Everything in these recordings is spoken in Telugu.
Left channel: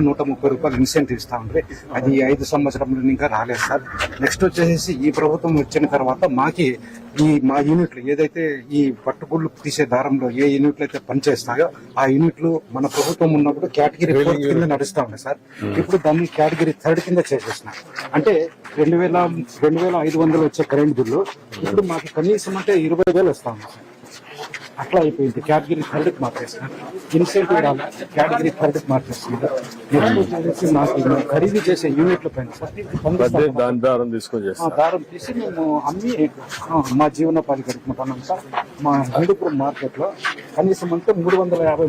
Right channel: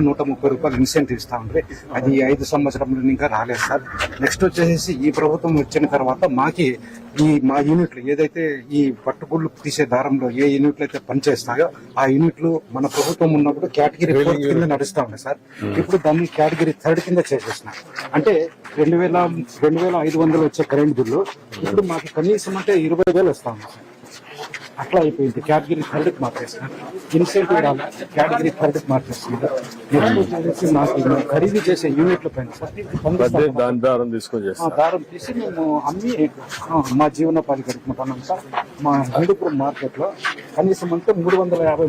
నూట ముప్పై రూపాయలు ఇన్సెంటివ్ ఇస్తా ఉంటే అది ఐదు సంవత్సరంలో ఇంకా రాలేదు సార్. నెక్స్ట్ వచ్చేసి ఈ ప్రభుత్వం వచ్చిన తర్వాత మాకి ఈ మా యూనిట్లు ఏదైతే ఈ పట్టుగుళ్ళు తీసే దారంలో ఏ యూనిట్లు అయితే పనిచేస్తాయో ఆ యూనిట్లు మన ప్రభుత్వం ఉన్నప్పుడు కేటగిరీ ఫోర్ కింద నడుస్తా ఉన్నాయి సార్. ఇప్పుడు దాన్ని కేటగిరీ థర్డ్ కింద చేసేసిన అంటే రెండు వేల రెండు వేల ఐదు వందలు వచ్చే కరెంట్ బిల్లు ఇప్పుడు మాకు కనీసం అంటే ఇరవై వేలు వస్తా సార్. అట్లా అయిపోయింది కేటగిరీ థర్డ్ మార్చేస్తున్నారు ఇన్సెంటివ్ రాలి కేటగిరీ థర్డ్ మార్చేస్తున్నారు నెక్స్ట్ వచ్చేసి మాకు ఖరీదు చేసే యూనిట్ల పైన దాని దారం తీసుకొని చేస్తాం. దారం తీసి మేము అమ్మి మా జీవనోపాధి గడుపుకుంటున్నాం సార్. మా హిందూపురం మార్కెట్లో కనీసం అంటే మూడు వందల యాభై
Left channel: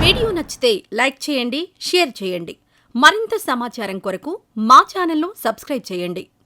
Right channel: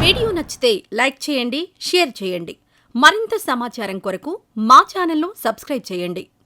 వీడియో నచ్చితే లైక్ చేయండి షేర్ చేయండి. మరింత సమాచారం కొరకు మా ఛానల్ను సబ్స్క్రైబ్ చేయండి.